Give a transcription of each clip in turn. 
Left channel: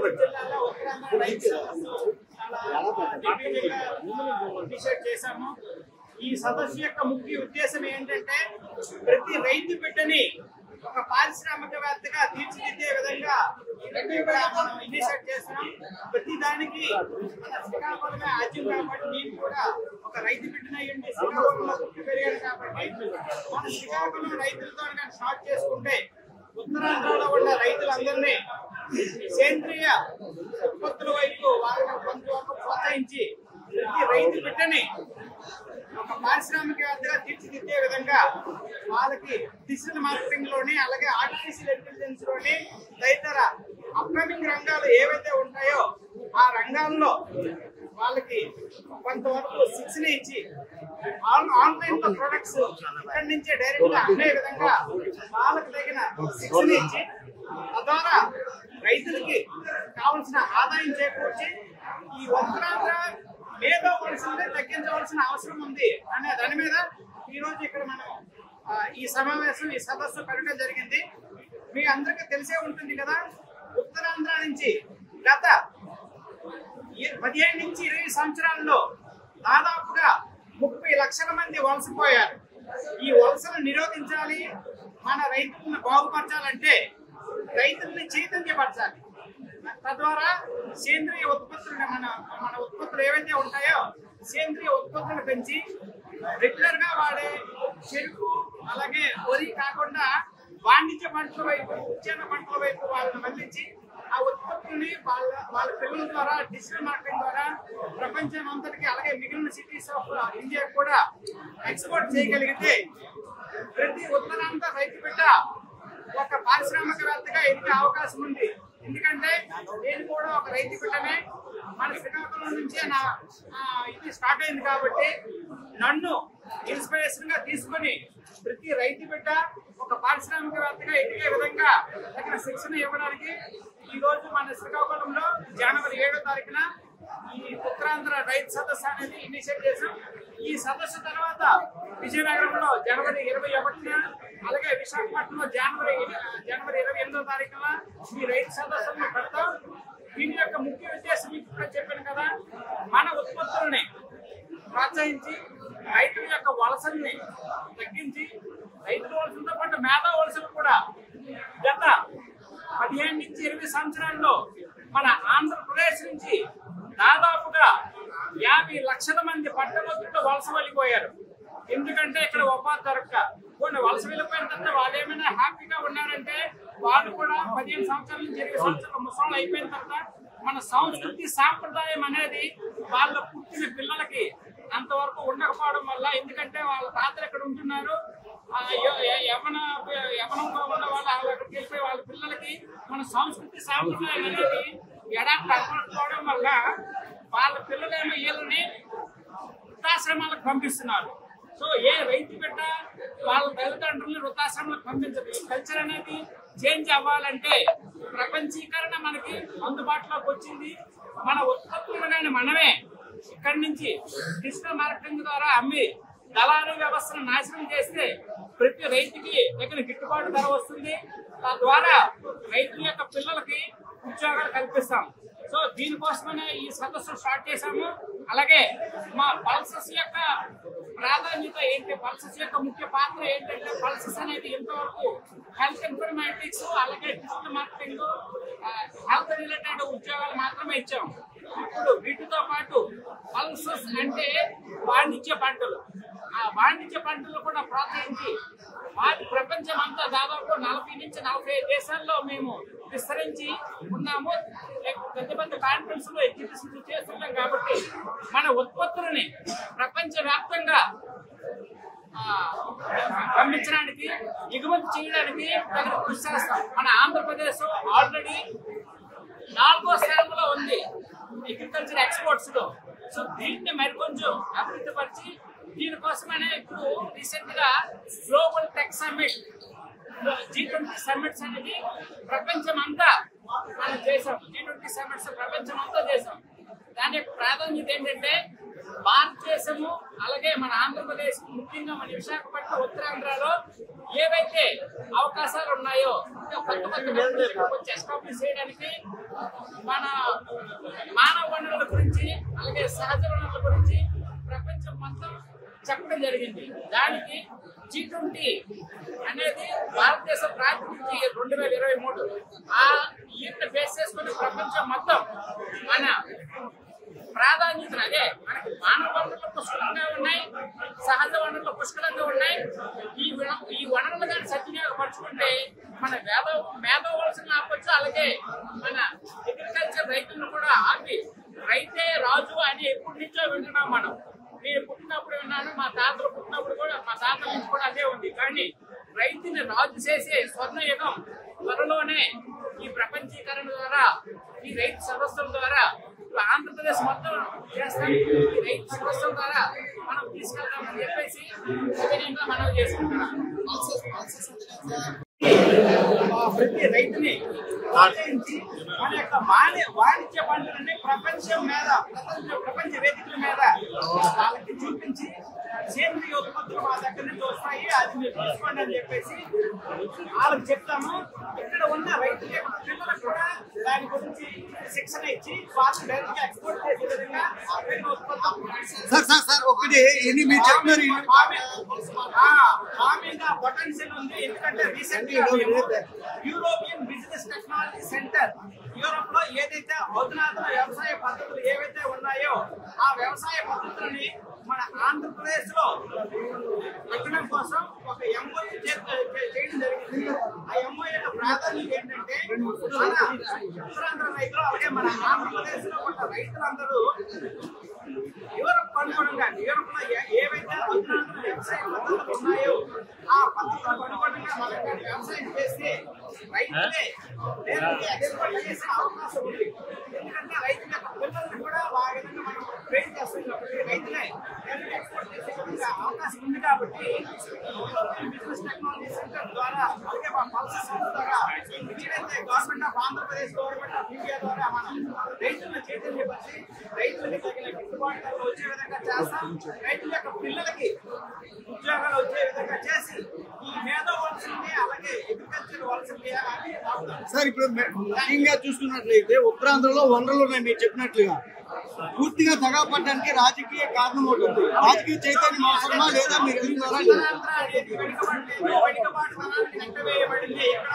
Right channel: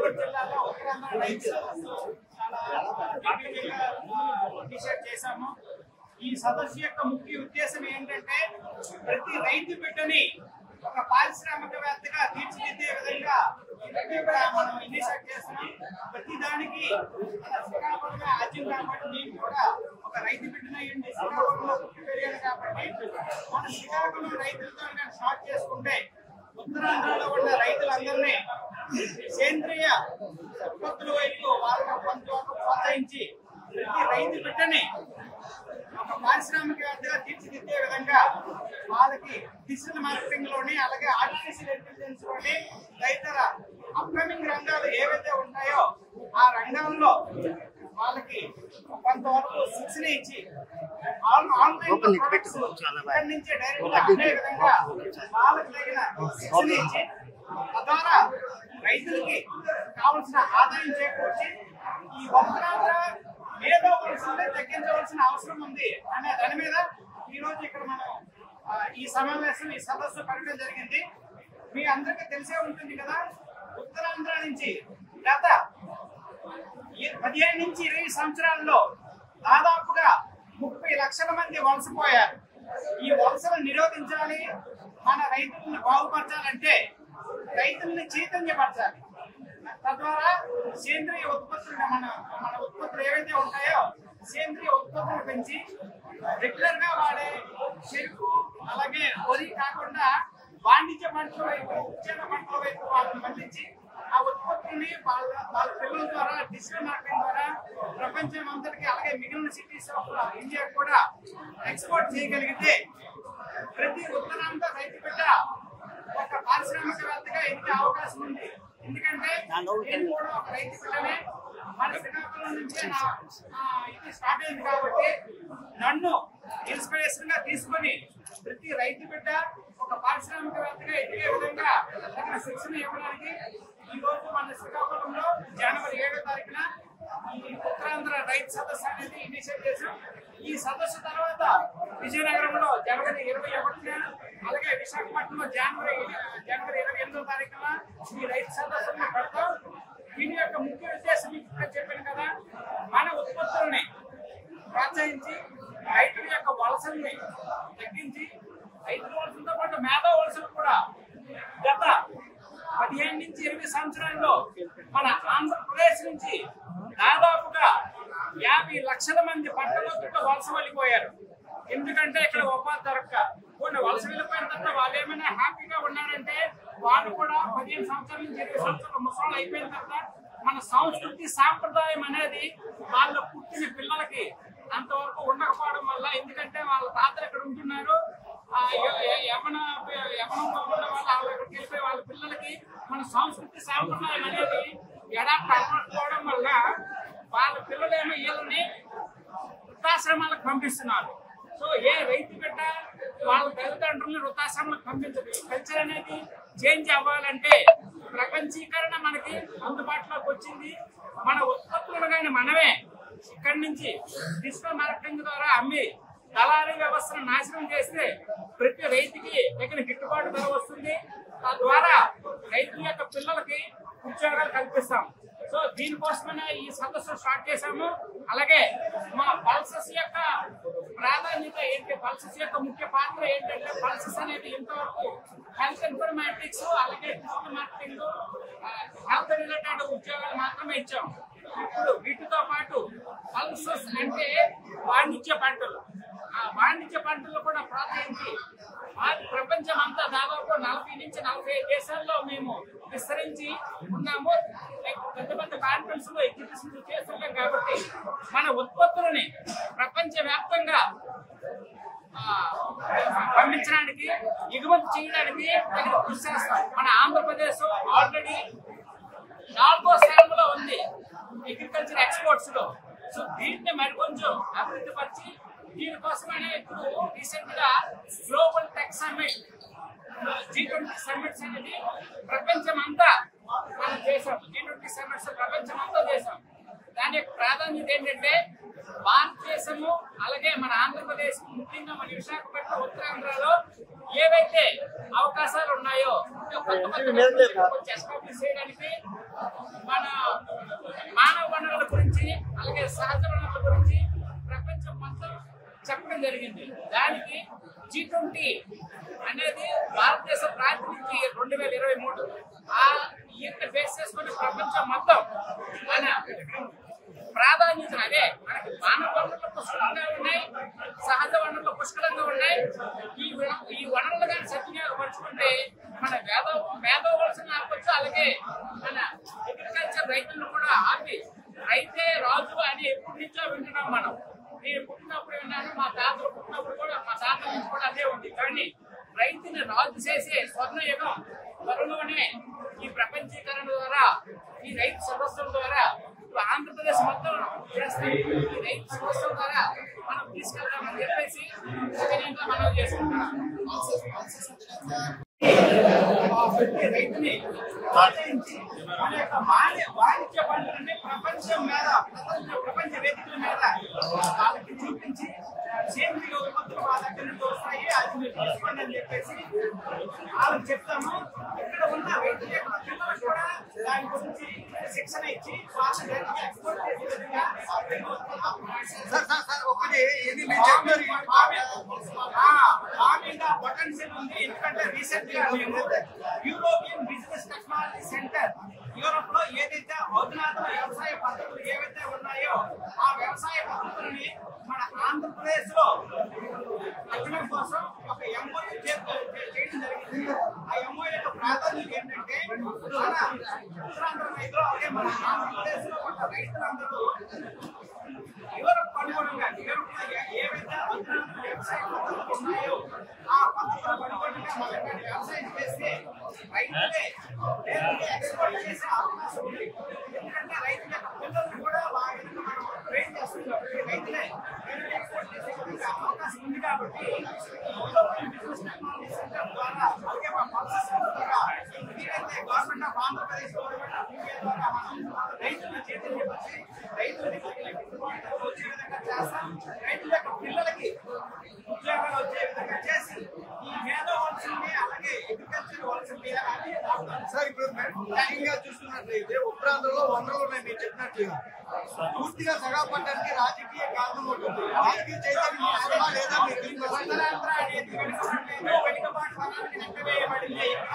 గోదావరి జిల్లాలో ఉత్తరాంధ్ర రైతు సదస్సు చాలా దిగ్విజయంగా ఇనిషియేట్ చేశాము. ఈ సదస్సు యొక్క ముఖ్య ఉద్దేశం ఏంటంటే ప్రతి రైతు బిడ్డని ఒక పారిశ్రామికవేత్తగా తీర్చిదిద్దే విధంగా ఇక్కడ మనం ఇనిషియేట్ చేస్తున్నాం. ప్రతి దానికి మన శ్రీకాకుళమే ఆద్యం కాబట్టి నేను కూడా ఒక రైతు బిడ్డనయ్యండి శ్రీకాకుళంలో పుట్టి పెరిగాను కాబట్టి మన శ్రీకాకుళం రైతులతో స్టార్ట్ చేసుకుంటే ఉత్తరాంధ్రలో ఉన్న రైతులందరినీ సేంద్రియ ఉత్పత్తుల వైపు వాళ్ళని కొంతవరకు ప్రోత్సహించి ప్రతి రైతు బిడ్డని ఒక పారిశ్రామికవేత్తగా తీర్చిదిద్దే విధంగా వాళ్ళకి డిజిటల్ మార్కెటింగ్ లోని అలాగే ఆర్టిఫిషియల్ ఇంటెలిజెన్స్ లోని తదితర అప్కమింగ్ రంగాలు ఏవైతే ఉంటాయో ఆ రంగాల్లో వాళ్ళకి కొంతవరకు శిక్షణ ఇచ్చి ఆన్లైన్ ప్రొడక్ట్స్ ఇక్కడి నుంచే డైరెక్ట్ గా అమ్మే విధంగా వాళ్ళకి తగిన శిక్షణ ఇచ్చి తద్వారా రైతులకి కావలసిన ఆదాయం చేకూర్చి ఈ ఉత్తరాంధ్ర మేధో వలసల్ని తగ్గించవలసిన అవసరం ఉంది అనే దాని మీద ఈ రోజు ఇక్కడ మనం ఈ సమావేశం ఈ సదస్సు పెట్టడం జరిగింది. మీ అందరికీ తెలిసే ఉంటుంది కదా, ఉత్తరాంధ్ర నుంచి గత 15 నుంచి 20 సంవత్సరాల్లో దాదాపుగా 30 లక్షల మంది వలసపోయారు. ఈ వలసలను నిరోధించాలి, మన రైతులను బాగుపరచాలంటే రైతుల్ని చైతన్యపరచాలి. తద్వారా సేంద్రియ ఉత్పత్తులను మన ఉత్పత్తులు ఏవైతే ఉంటాయో సేంద్రియ ఉత్పత్తులను పెంచి రెగ్యులర్ గా వాడే చెరుకు అలాగే వరి కాకుండా వాణిజ్య పంటల వైపు ఉద్యాన పంటల వైపు వాళ్ళని మళ్లించి ఆ ఉత్పత్తుల్ని వాళ్ళ పిల్లల ద్వారా డిజిటల్ మార్కెటింగ్ ద్వారా ప్రపంచం అంతటికి అలాగే మిగిలిన సిటీస్ ఆఫ్ ఇండియా కూడా ఎక్స్పోర్ట్ చేయగలిగితే ప్రతి ఉత్తరాంధ్ర రైతు బిడ్డ ఒక పారిశ్రామికవేత్తగా ఎదిగే అవకాశం ఉంది. ఎందుకంటే నేను కూడా ఒక రైతు బిడ్డనే, మన శ్రీకాకుళం నుంచే ఇది స్టార్ట్ అయింది కాబట్టి నన్ను ఇన్స్పిరేషన్ గా తీసుకొని ప్రతి రైతు బిడ్డ ఒక పారిశ్రామికవేత్తగా ఎదిగే విధంగా తగిన శిక్షణ ఇవ్వడానికి ఈ రోజు మన శ్రీకాకుళంలో జనవరి 7వ తారీఖున ఈ ఉత్తరాంధ్ర రైతు సదస్సు అనేది ఇనిషియేట్ చేశాం. ఈ సదస్సు తర్వాత విజయనగరంలో జనవరి 21న అలాగే విశాఖపట్నంలో జనవరి 28వ తారీఖున ఈ రైతు సదస్సులను పెడతాం. దీని యొక్క ముఖ్య ఉద్దేశం ఇప్పుడు చెప్పాను కదా, మన ఉత్పత్తులని ప్రోత్సహించి రైతుల యొక్క వలసల్ని తగ్గించి రైతుల వలసలతో పాటు మేధా వలసలు కూడా గత 15 నుంచి 20 సంవత్సరాల్లో మన ఆంధ్రప్రదేశ్ నుంచి దాదాపుగా 50 లక్షల మంది పట్టభద్రులు వలస వెళ్ళిపోయారు. ఎందుకంటే ఇక్కడ ఉపాధి దొరక్క కొన్ని వలస వెళ్ళిపోయిన తర్వాత వాళ్ళు ఏమైనా హ్యాపీగా ఉన్నారంటే వాళ్ళు కూడా 15 సంవత్సరాల నుంచి 20 సంవత్సరాల ముసలాళ్ళు అయిపోయిన తర్వాత మన సంస్కృతి సాంప్రదాయం అనేది వాళ్ళ పుట్టిన పిల్లలకి అంతవరకు ఉండకపోవడం వల్ల, ఎందుకంటే వాళ్ళ తాతలు ఎక్కడ ఉంటున్నారు, యవనంగా ఉన్న వాళ్ళు అక్కడికి వెళ్ళిపోయి వాళ్ళ పిల్లలకి మన సంస్కృతి సాంప్రదాయం అనేది ఎడాప్ట్ అవ్వకపోవడం వల్ల వాళ్ళ పిల్లలేమో వీళ్ళని వృద్ధాశ్రమాలకు పంపిస్తున్నారు. సో ఏ రైతు బిడ్డ వాళ్ళ తల్లిదండ్రులను వృద్ధాశ్రమాలకు పంపించదు. ఈ కల్చర్ అనేది చేంజ్ అవ్వాలంటే ప్రపంచీకరణ మనకి అందుబాటులోకి వచ్చింది. మన ఉత్పత్తులను కానీ మనమే ఇక్కడి నుంచి డిజిటల్ మార్కెటింగ్ ద్వారా అమ్మి దళారీ వ్యవస్థను నాశనం చేస్తే ప్రతి రైతుకి తగిన గిట్టుబాటు ధర వస్తుంది. తద్వారా రైతుల యొక్క పిల్లలకి ఉద్యోగాలు కల్పిస్తాం. సో దీనికోసమైనా ఈ సదస్సు స్టార్ట్ చేశాము. అలాగే మా పల్సస్ యొక్క ప్రాధాన్యత ఏంటి, పల్సస్ యొక్క ముఖ్య పాత్ర ఏంటంటే పల్సస్ అనేది ఇంతవరకు హెల్త్ ఇన్ఫర్మేటిక్స్ అలాగే డిజిటల్ మార్కెటింగ్ హెల్త్ రిలేటెడ్ ఉద్యోగాలు మాత్రమే ఇచ్చాం. ఇప్పుడు వీటితో పాటు పల్సస్ అంటే వాణిజ్య పంటలు, ఆ వాణిజ్య పంటలు కూడా ప్రోత్సహించి వాటి ప్రపంచం అంతా దాదాపు 40 నుంచి 45 దేశాల్లో మేము విస్తరించి ఉన్నాము. పెద్ద పెద్ద కాన్ఫరెన్స్ లో ఎగ్జిబిషన్లు చేస్తున్నాం కాబట్టి మన ఉత్పత్తులని ప్రపంచ వ్యాప్తంగా పంపించడానికి ఎగుమతి చేయడానికి తగిన కృషి చేస్తాం. మన ఆంధ్రప్రదేశ్ ఆల్రెడీ 4వ స్థానంలో ఉంది అగ్రికల్చర్ ఎక్స్పోర్ట్స్ లో. సో దీన్ని మరికొంచెం అభివృద్ధి పరిచి దీనికోసమనే ఇప్పుడు రీసెంట్ గా global tech summit G20 summits అనేది ప్రపంచం అంతా మనం చేసాం. G20 సమ్మిట్స్ ప్రపంచం అంతా చేసాం. దాని యొక్క ప్రాధాన్యత ఏంటంటే భారతదేశము అలాగే మన ఆంధ్రప్రదేశ్, ముఖ్యంగా మన విశాఖపట్నం, ఉత్తరాంధ్రలో ఏవైతే అవకాశాలు ఉన్నాయో కొత్త కొత్త ఇక్కడికి వచ్చి ఎస్టాబ్లిష్ చేయడానికి మన మానవ వనరుల గురించి అలాగే సహజ వనరుల గురించి ప్రపంచం మొత్తం చెప్పడం జరిగింది. దానికి G20 అనేది భారతదేశ ప్రాతినిధ్యం 2023 ఆ ఈయన్ని బేస్ చేసుకుని ప్రపంచం మొత్తం మన ప్రాధాన్యతను అదే మనకి మానవ వనరులు పుష్కలంగా ఉన్నాయి, సహజ వనరులు పుష్కలంగా ఉన్నాయి. ఈ వనరులు కానీ సద్వినియోగపరుచుకుంటే మన మేధోవలసిన ఆపచ్చు, అలాగే మన అగ్రికల్చర్ రైతులను కూడా ఆపి రైతే రాజు అని ఎప్పటి నుంచో వింటున్నాం మనం. నేను పుట్టినప్పుడు విన్నాను, మా తాతలు పుట్టినప్పుడు కూడా మా తాతల నుంచి కూడా అదే ఉంది. కానీ రైతుని రాజు చేసే స్వర్ణయుగం త్వరలోనే ఈ ప్రపంచీకరణ ద్వారా, ఈ రైతు సదస్సుల ద్వారా ఆంధ్రప్రదేశ్ మొత్తం చేస్తాం. ఈ రైతు సదస్సుల ద్వారా మనం తీసుకెళ్తామని చెప్పేసి వినయంగా మనవి చేసుకుంటున్నాం. ప్రతి రైతుని ప్రోత్సహించి మన యొక్క వాణిజ్య పంటలని ప్రపంచ వేదికల మీద వాళ్ళకి చూపించి సేంద్రియ ఉత్పత్తులు మా దగ్గర నుంచి వస్తాయి, అది మీరు తీసుకోండి అని చెప్పేసి వాళ్ళకి చెప్తాము. ఇక్కడ ఉన్న రైతుల యొక్క పిల్లలకు కూడా దాని గురించి శిక్షణ ఇచ్చి వాళ్ళు డైరెక్ట్ గా ఎక్స్పోర్ట్ చేసే విధంగా ఫార్మింగ్ పొటెన్షియల్ ఉంది. ఎందుకంటే రీసెంట్ గా మేము European business technology centre Europe లో ఏదైతే అధునాతన వ్యవసాయ పద్ధతులు ఏవైతే ఉన్నాయో ఆ వ్యవసాయ పద్ధతులని మన ఆంధ్రప్రదేశ్ లో పెట్టడం కోసం ఒక ఎంఓయూ చేయడం జరిగింది. ఆ ఎంఓయూ యొక్క ప్రాధాన్యత ఏంటంటే మన ఉత్తరాంధ్ర రైతులు అలాగే మన ఆంధ్రప్రదేశ్ లో ఉన్న రైతులందరూ యూరోప్ అనుగుణంగా యూరోప్ లో ఏవైతే అధునాతన వ్యవసాయ పద్ధతులు ఉన్నాయో ఆ పద్ధతులకు అనుగుణంగా మనం కానీ వ్యవసాయం చేస్తే రైతులే ఎక్స్పోర్ట్ చేసే అవకాశం ఉంది. ఎందుకంటే రైతుల యొక్క పిల్లల్ని కూడా ఆ విధంగా మనం ట్రైన్ చేస్తాం కాబట్టి రైతులే ఎక్స్పోర్ట్ చేసే విధంగా అవకాశం ఉంది. కాబట్టి బిజినెస్ టెక్నాలజీ సెంటర్ ద్వారా అలాగే మా పల్సర్ సంస్థ ద్వారా ఏదైతే government of Andhra Pradesh, government of India ద్వారా మనం రైతులను చైతన్యపరిచి రైతులకి తగిన గిట్టుబాటు ధరలు వచ్చే విధంగా చేస్తాం. రైతుల యొక్క పిల్లలకి ఉద్యోగాలు వచ్చే విధంగా చేసి ఈ మేధో వలసల్ని అలాగే అగ్రికల్చర్ వలసల్ని సార్ ఇప్పుడు ముఖ్యంగా చూసుకున్నట్లయితే ఉత్తరాంధ్రలో వనరులు ఉన్నాయి. మీరు చెప్పినట్లుగా పూర్తిగా తగపడడానికి రాజకీయ కారణం ఉంటుంది. రాజకీయ చైతన్యం అవసరమా లేదా మీరు ఉత్తరాంధ్ర అనేది వెనుకబాటుతనానికి నెట్టవేయబడింది. ఇక్కడ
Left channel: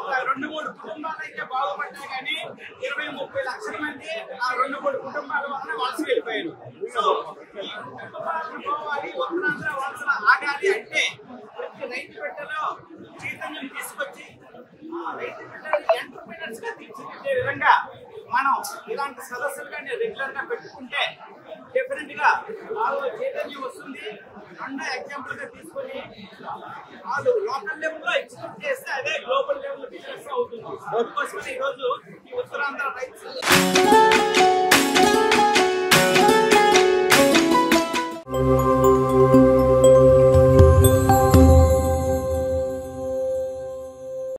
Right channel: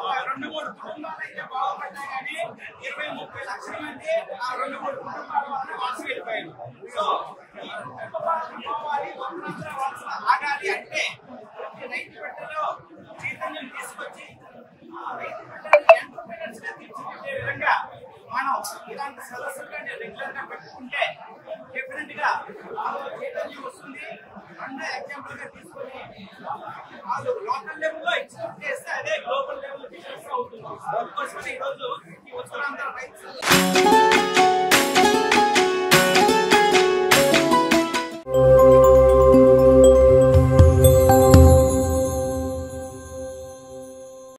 ఒక 2-3 కుటుంబాలు అయితే బాగుపడ్డాయి, కానీ 20-30 లక్షల మంది ఆ 2-3 కుటుంబాల వలన వలస వెళ్ళిపోయారు. సో ఈ కుటుంబాలను పోవాలి, ఉత్తరాంధ్ర వలస ఆగాలి అంటే ప్రతి రైతు బిడ్డలో చైతన్యం తీసుకొచ్చి రైతు బిడ్డలు ఎంటర్‌ప్రెన్యూర్స్ గా తీర్చిదిద్దే విధంగా మనం ఇలాంటి సదస్సులు కానీ రెగ్యులర్ గా పెట్టుకుంటే డెఫినెట్ గా వాళ్ళలో చైతన్యం వస్తుంది. రెండో ఎగ్జాంపుల్ గా తీసుకొని వాళ్ళు లోకల్ లెవెల్ లో ఎగ్జిక్యూట్ చేస్తే అదే గ్లోబల్ లెవెల్ బిజినెస్ అవుతుంది. అందుకోసమని ఈ రోజు ఈ ఉత్తరాంధ్ర రైతు